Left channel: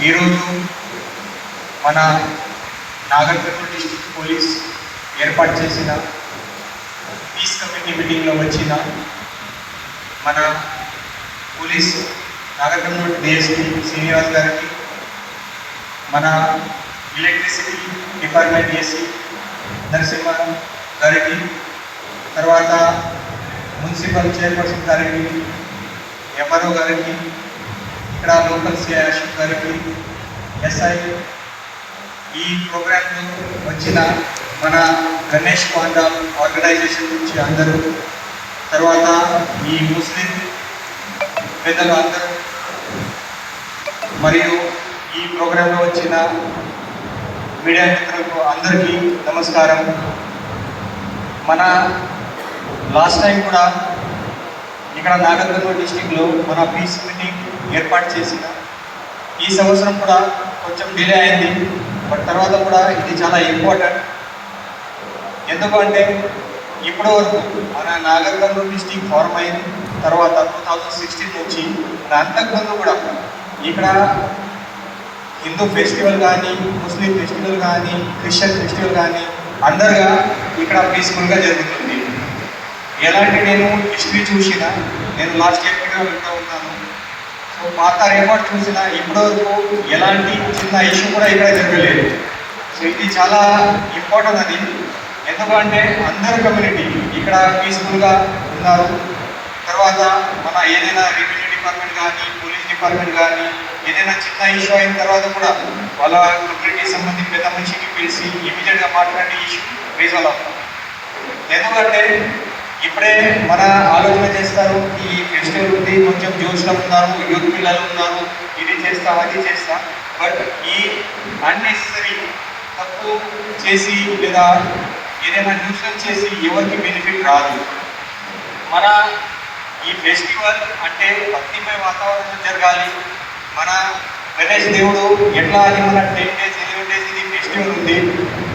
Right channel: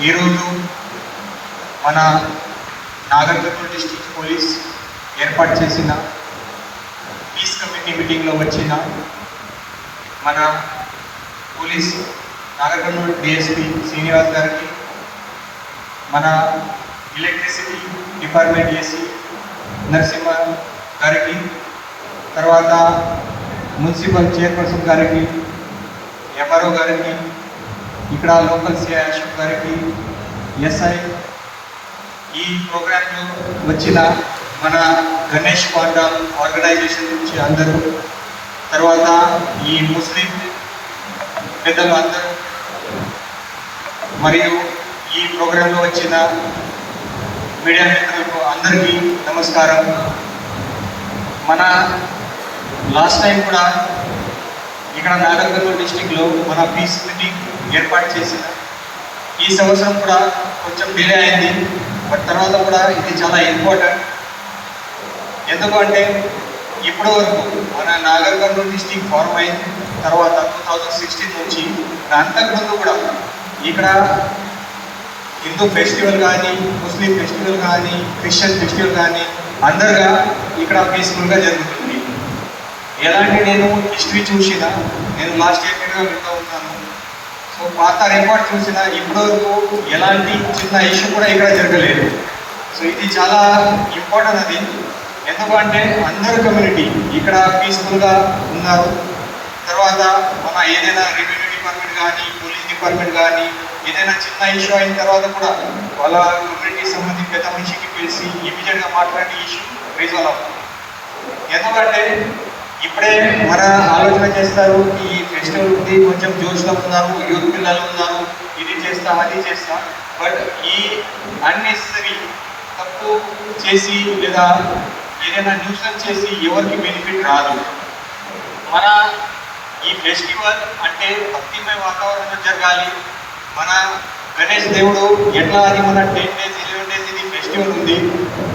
ఈరోజు మన Nagarkurnool district police ఏర్పాటు చేసిన పీస్ కమిటీ మీటింగ్లో వచ్చిన మన పోలీస్ నాగర్కర్నూలు డిఎస్పీ శ్రీనివాస్ గారికి మన ఎలక్ట్రిసిటీ డిపార్ట్మెంట్ ఏసీ నరసింహ గారికి తర్వాత మున్సిపల్ చైర్పర్సన్ గారికి ఎంఆర్ఓ గారికి ఇక్కడ లోకల్ సిఐ అశోక్ గారికి ఎస్ఐ ఈ ప్రోగ్రాంలో వచ్చిన మన గణేష్ వర్గ ఆర్గనైజేషన్ నుంచి అందరూ తర్వాత ఈ ముస్లిం పెద్దలు అందరూ మరియు ఈ ప్రోగ్రాంలో వచ్చిన మీడియా మిత్రులకు అందరికీ నమస్కారం. మన లాస్ట్ టైం కూడా ఇక్కడ నాగర్కర్నూలు డిస్టిక్లో మన పీస్ మీటింగ్ ఏర్పాటు చేసింది. ఈ సంవత్సరం కూడా కొంచెం డిలే అయింది బట్ తర్వాత కూడా ఇది చాలా ఇంపార్టెంట్. ఎందుకంటే ఇప్పుడు మన నాగర్కర్నూలు డిస్టిక్ ఫార్మ్ అయిన తర్వాత టూ థౌజండ్ సిక్స్టీన్ నుంచి అంతకుముందు కూడా ఇక్కడ హిందూ ఫెస్టివల్ కానీ ముస్లిం ఫెస్టివల్ కానీ క్రిస్టియన్ ఫెస్టివల్ కానీ అందరుగా ఇక్కడ పీస్ఫుల్గా జరుగుతుంది ఎలాంటి నేను హిస్టరీ చూసిన నేను లాస్ట్ ఇయర్ కూడా ఉంటా ఉన్నాను సో పాత రికార్డ్ చూసిన ఇప్పటివరకు ఎలాంటి చిన్న ఇష్యూ కూడా ఇక్కడ జరగలేదు. సో ఇది చాలా ఇంపార్టెంట్ అది. ఎందుకంటే అందరు కమ్యూనిటీ ఇక్కడ పీస్ఫుల్గా ఉన్నారు. తర్వాత మన ఏదైనా రెవెన్యూ డిపార్ట్మెంట్ కానీ పోలీస్ డిపార్ట్మెంట్ కానీ ఏదైనా చిన్న ఇష్యూ అయిన తర్వాత కూడా వాళ్ళ కమ్యూనిటీ సంబంధించి పెద్ద మనిషికి పిలిచి ఇమీడియట్గా మాట్లాడే ఇష్యూ రీజాల్వ్ అవుతుంది ఎందుకంటే ఇప్పుడే మన ఆలోచన చేస్తారు? ఈ ఫెస్టివల్ ఉంది కొంచెం జోష్లో ఉన్నారు యూత్ పిల్లలు ఉన్నారు ఇది చేస్తాం అది చేస్తాం. బట్ ఈ అన్నెసరీ తప్పు చేసి లేదా ఏదైనా న్యూసెన్స్ చేసి ఎవరికి బెనిఫిట్ రాదు. మన ఈ ఫెస్టివల్ అంటే భక్తిమయ వాతావరణం జరగాలి. మన గణేష్ దేవుడు ఎట్లా అది టెన్ డేస్ ఇలెవెన్ డేస్ ఇది ఫెస్టివల్ ఉంది.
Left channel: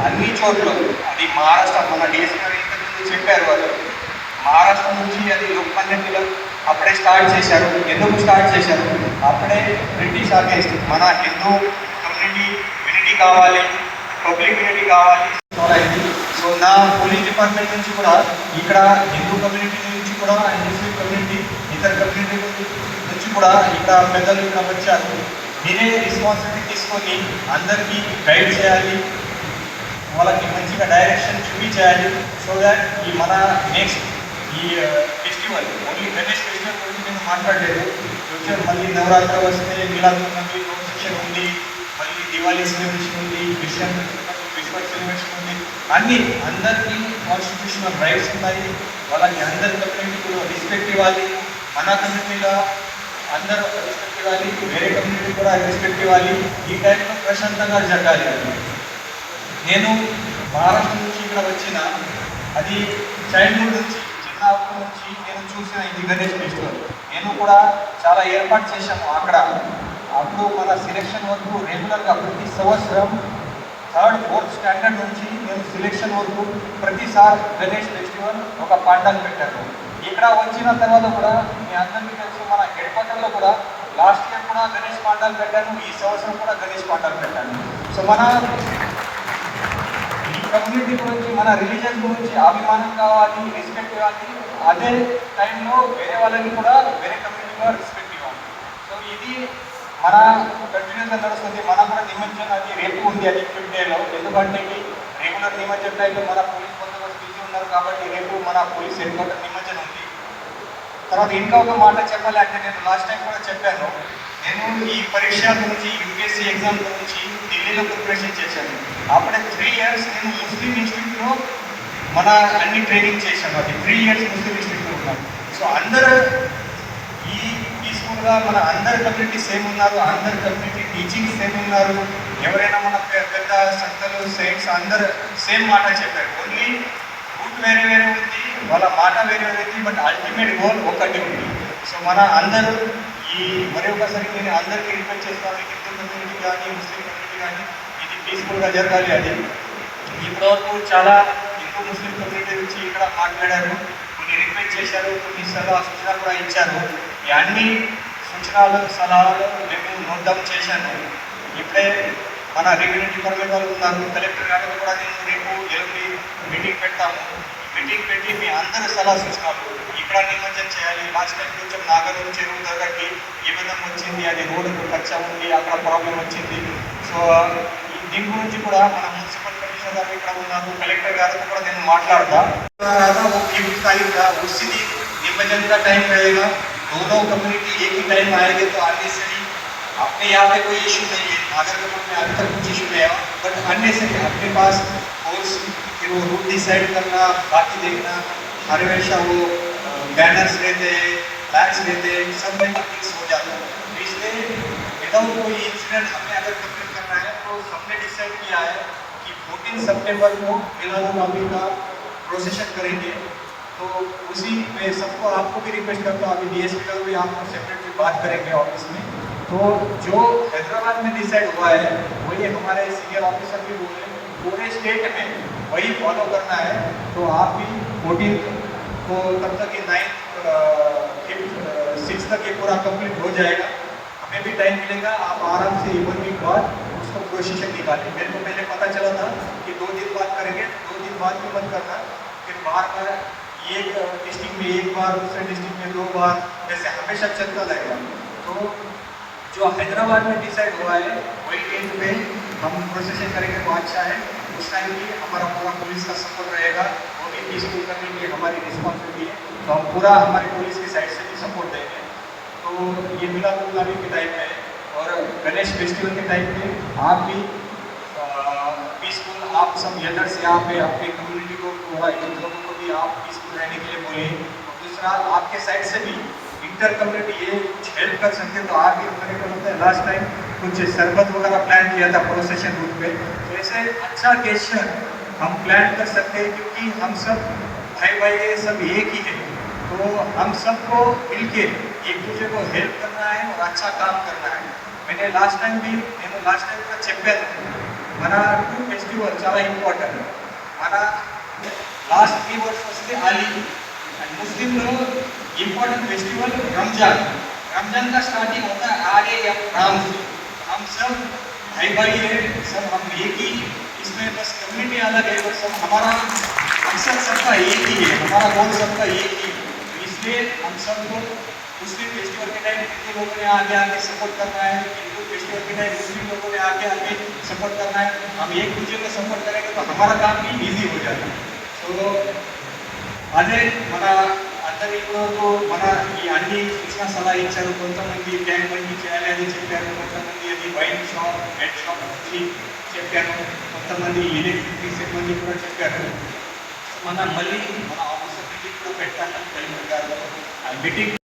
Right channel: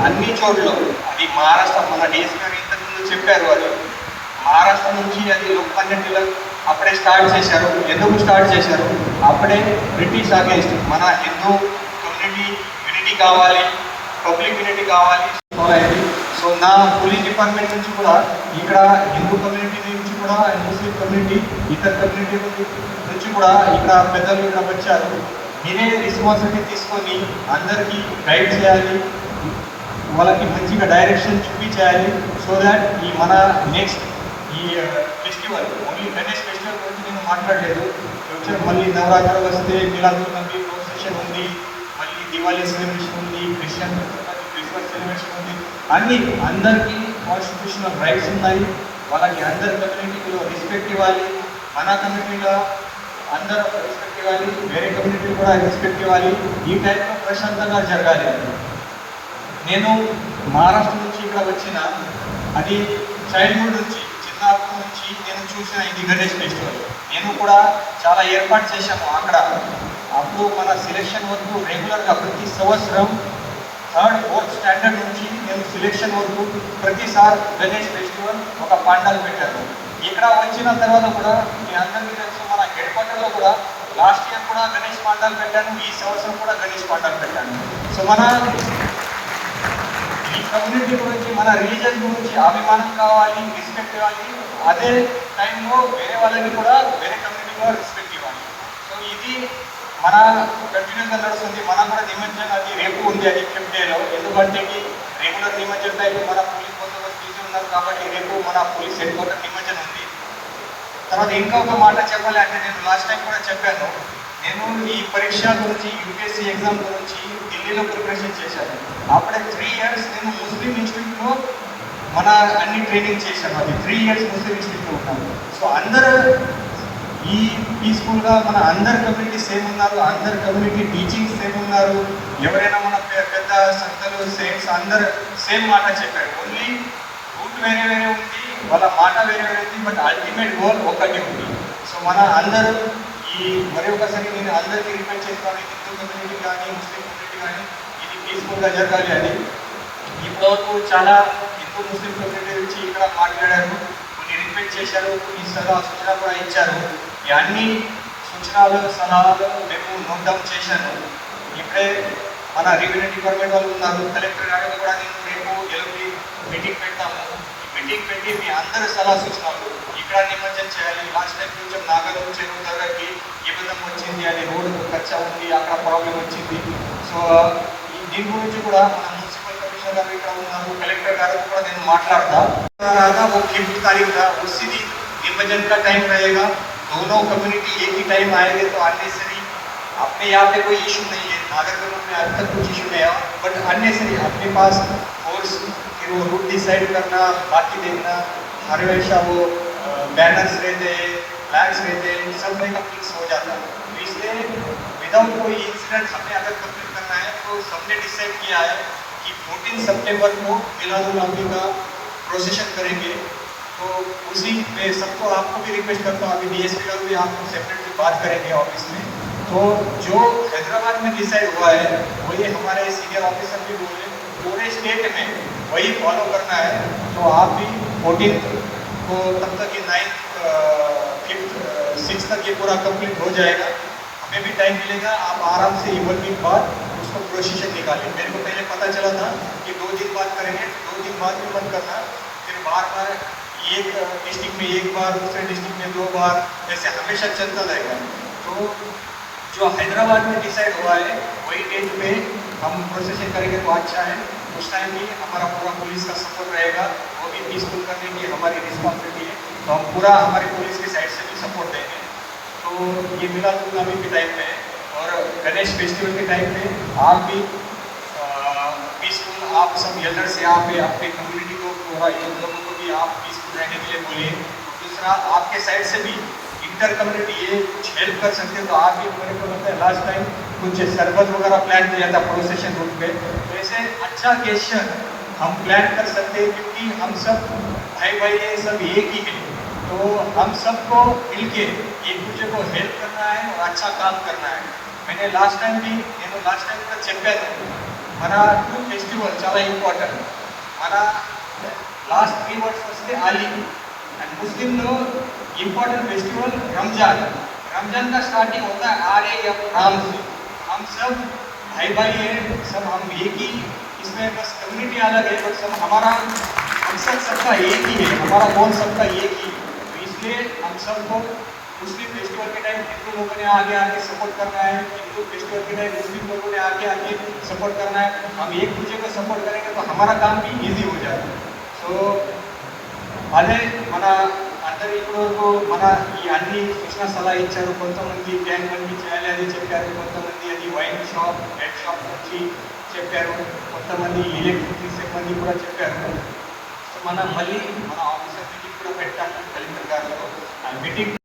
అన్ని చోట్ల అది మహారాష్ట్ర డిఎస్పీ గారు ఇంతకుముందు చెప్పారు వాళ్ళు మహారాష్ట్ర నుంచి అది ఉపన్యకులు అప్పుడే స్టార్ట్ చేశారు. ఎందుకు స్టార్ట్ చేశారు? అప్పుడే బ్రిటిష్ అగేన్స్ట్ మన హిందూ కమ్యూనిటీ యూనిటీ కావాలి పబ్లిక్ యూనిటీ కావాలి. సో నా పోలీస్ డిపార్ట్మెంట్ నుంచి కూడా ఇక్కడ హిందూ కమ్యూనిటీ నుంచి కూడా ముస్లిం కమ్యూనిటీ ఇతర కమ్యూనిటీ నుంచి కూడా ఇక్కడ పెద్దలు ఇక్కడ వచ్చారు. మీరే రెస్పాన్సిబిలిటీ తీసుకొని అందరికీ గైడ్ చేయాలి. వాళ్ళకి మంచిగా డైరెక్షన్ చూపించాలి సో దాట్ ఈ మన next festival only Ganesh festival గురించి నేను మాట్లాడలేదు. కొంచెం మళ్ళీ నవరాత్రి వస్తే మిలాద్ ఉంది ప్రొసెషన్ ఉంది మళ్ళీ దివాళీ సెలబ్రేషన్ ఉంది సెలబ్రేషన్ ఉంది. అన్ని అందరికీ కాన్స్టిట్యూషనల్ రైట్స్ ఉన్నాయి. వాళ్ళకి అందరి కమ్యూనిటీకి రెస్పెక్ట్ ఇవ్వాలి. మన కమ్యూనిటీగా అందరూ రెస్పెక్ట్ ఇవ్వాలి. వేరే కమ్యూనిటీ కూడా రెస్పెక్ట్ ఇవ్వాలి. ఈ టైప్ ప్రశాంతంగా జరగాలి. నేను మహారాష్ట్ర నుంచి ఇక్కడ వచ్చిన అది చైల్డ్హుడ్ నుంచి చిన్నప్పటి నుంచి నేను చూసిన ఇది గణేష్ ఫెస్టివల్ నేను కూడా చాలా ఏర్పాటు చేశాను అక్కడ అప్పుడు మన సెలెక్షన్ వరకు రెగ్యులర్గా ప్రతి సంవత్సరం థర్డ్ ఫోర్త్ స్టాండర్డ్ నుంచి నేను సెలెక్షన్ వరకు ప్రతిసారి గణేష్ ఫెస్టివల్ ఒక పాండాలు పెట్టాను ఇక్కడ వచ్చిన తర్వాత కూడా మీ అందరికీ తెలిసి మన హెడ్ క్వార్టర్లో కూడా లాస్ట్ ఇయర్ కూడా గణేష్ పాండాలు పెట్టాను ఈ సంవత్సరం కూడా గణేష్ పాండాలు పెట్టాను సో మన ఈ కమ్యూనిటీ మన రిలీజన్ గురించి అభిమానం కావాలి రెస్పెక్ట్ కావాలి అదే టైంలో వేరే వాళ్ళని కూడా వేరే కమ్యూనిటీ కూడా రెస్పెక్ట్ ఇవ్వాలి. సో ఇది మన కంటిన్యూస్గా నడుస్తుంది మనం కూడా నిమజ్జనం అది రేపు ఉంది అది డేలో ఎందుకంటే రెగ్యులర్ నిమజ్జన టైంలో మన పోలీస్ బందోబస్తు బిజీ ఉన్నారు కాబట్టి రేపు మన పోలీస్ హెడ్ క్వార్టర్ నిమజ్జనం ఉంది. తర్వాత ఇంకా ఒక మాట చెప్పాలి అంటే నేను లాస్ట్ టైం కూడా చెప్పాను. నేను ఈ పరీక్ష గురించి యూపీఎస్సీ ఎగ్జామ్ గురించి ఢిల్లీలో ప్రిపరేషన్ చేశాను. అప్పుడే త్రీ ఇయర్స్ నేను ముస్లిం ఇన్స్టిట్యూట్ మన అన్ని ట్రైనింగ్ చేశారు. అది త్రీ ఇయర్స్ ముస్లిం ఇన్స్టిట్యూట్ సో అందరూ ఈ పీస్ఫుల్గా మన అందరు కమ్యూనిటీ సేమ్ ఉన్నారు. అందరు కమ్యూనిటీ టీచింగ్ సేమ్ ఉన్నారు. ఎవరైనా మన పెద్ద సంస్థలు సేమ్స్ అందరు సేమ్ మాట చెప్పారు. ఓన్లీ బుక్ వేరే వేరే ఉంది. వాళ్ళ మాట వేరే వేరే బట్ అల్టిమేట్ గోల్ ఒకటి ఉంది. సో మన అందరూ ఈ మరి ఒకసారి నేను అందరికీ రిక్వెస్ట్ చేస్తాను హిందూ కమ్యూనిటీ కానీ ముస్లిం కమ్యూనిటీ కానీ ఇది పీస్ఫుల్గా జరగాలి అది ఇప్పుడు చాలా హిందూ ముస్లిం కమ్యూనిటీ నుంచి ఇక్కడ మాట్లాడారు. కొన్ని రిక్వెస్ట్ చేశారు కొన్ని సలహా సూచనలు కూడా ఇచ్చారు. ఈ అన్ని సూచనలు సలహాలు నేను నోట్ చేశాను ఇప్పుడే మన రెవెన్యూ డిపార్ట్మెంట్ వాళ్ళు ఉన్నారు. కలెక్టర్ గారు కూడా నేను రేపు ఎల్లుండి మీటింగ్ పెడతాము. మీటింగ్ పెట్టి మీ అందరి సలహా సూచనలు ఇక్కడ నిమజ్జనం చేయాలి. లాస్ట్ టైం కొంచెం నాగరం చెరువు దగ్గరికి ఇబ్బంది వచ్చింది. అది రోడ్డు ఖర్చు ఉంది. అక్కడ ప్రాబ్లం వచ్చింది. సో దీని గురించి కూడా మన మున్సిపల్ కమిషనర్ గారు ఇక్కడ ఉన్నారు కలెక్టర్ గారు కూడా నేను మాట్లాడతా वो फिफ्थ तारीख का उसी दिन निमज्जन का टाइम रहेगा दोनों कम्युनिटी एक ही टाइम आएंगे तो आने से नहीं अपने यहाँ पे कोई इशू नहीं है नागरकोटा में अभी तक कुछ इशू नहीं है बट अन्य से अपने पास और फिर वो रूट डिसाइड करना बाकी देखना हर हमेशा वो बैनर्स रहते हैं फ्लैग्स रहते हैं सब में कंप्लीट हो जाता है तो इसलिए विदाउट कोई इंसिडेंट हमें अगर कंप्लीट करना है तो सबने डिसाइड किया है कि 14 सितंबर को मिलादुल नबी का प्रोसेशन करेंगे। तो उसी में सबको आपको भी रिक्वेस्ट करता हूँ अभी डीएसपी का भी हम सेपरेटली बात करेंगे ऑफ़िस में। तो जो हैदराबाद में डिसाइड हुआ है, वही हमारे सीनियर ऑफिसर भी बोले पूरे स्टेट में वही फॉलो करना है। तो आप भी फोर्टीन को तब तक ये नाइन्थ फिफ्थ सिक्स तक ये पूरा कंप्लीट हो जाएगा। हमें भी टाइम मिलेगा, आप आराम से एक वीक बाद प्रोसीजर निकालिए मेरे को पहले पता चला था कि दो दिन बाद करेंगे, दो दिन बाद भी मत करना। फिर बार बार एक डिस्ट्रिक्ट में एक बार, दूसरे डिस्ट्रिक्ट में दो बार, ऐसे हमेशा चलता रहेगा। तो जो हैदराबाद में डिसाइड हुआ है, वही डेट पे हम प्रोसेशन करेंगे तो अच्छा है। उस टाइम भी हमारा पूरा पुलिस का सपोर्ट रहेगा। वो भी पीसफुल करने की हमारी रिस्पॉन्सिबिलिटी है। तो पूरा हमारे पुलिस की साइड से भी सपोर्ट देंगे। तो ये मिला नबी के टाइम में। है और गणेश फेस्टिवल के टाइम पे आप भी पीसफुल आप सब एल्डर से आप भी आपके कम्युनिटी को लोगों को भी आप पीसफुल रहने के लिए बोले। दूसरा आपके साइड से भी इंटर कम्युनिटी ये कुछ हेल्प कर सकते हो। तो आप भी मेरे को बोलते लास्ट टाइम कुछ शरबत वगैरह प्लान किया था प्रोसेशन रूट में तो ऐसे अच्छा गेस्टर हम प्लान कर सकते हैं क्योंकि हम सब भाई भाई ये सब एक ही है। तो हम सबको मिल के एक दूसरे को हेल्प करना है अच्छा काम करना है। मैंने लास्ट टाइम भी, ये तो लास्ट टाइम का चैंपियन माना टू फेस्टिवल ज़्यादा इम्पोर्टेंट माना लास्ट थ्री वर्ष उसके आली एंड मुस्लिम लोग इम्पोर्टेंट फेस्टिवल रमज़ान। रमज़ान का स्टार्टिंग होता है आर ए राम से हम सब भाई भाई है, सब हम एक ही इसमें बस कम्युनिटी अलग है सब हमारा मकसद सबका एक ही है, हमारा गोल सबका एक ही है। तो इसलिए हम सबको मुस्लिम फेस्टिवल के टाइम हिंदू लोगों ने आगे आके सपोर्ट करना है हिंदू फेस्टिवल के टाइम मुस्लिम लोगों ने आगे आके सपोर्ट करना है हम एक दूसरे को सपोर्ट करेंगे तो हमारा काम भी ईजी हो जाता है तो అదే మన అందరి ఇప్పుడు మన ఈ అన్ని కృష్ణ సలహా ఇచ్చారు కొంతమంది ట్యాంక్ బండి చేయాలి అని చెప్పారు కొంతమంది అది వైన్ షాప్ బెడ్ షాప్ నుంచి చెప్పారు కొంతమంది ఎలక్ట్రిక్ సిబ్బంది కూడా చెప్పారు మనం మళ్ళీ మన ఆఫీసర్ కూడా పెట్టాలి మళ్ళీ ప్రకారంలో ఆ మీటింగ్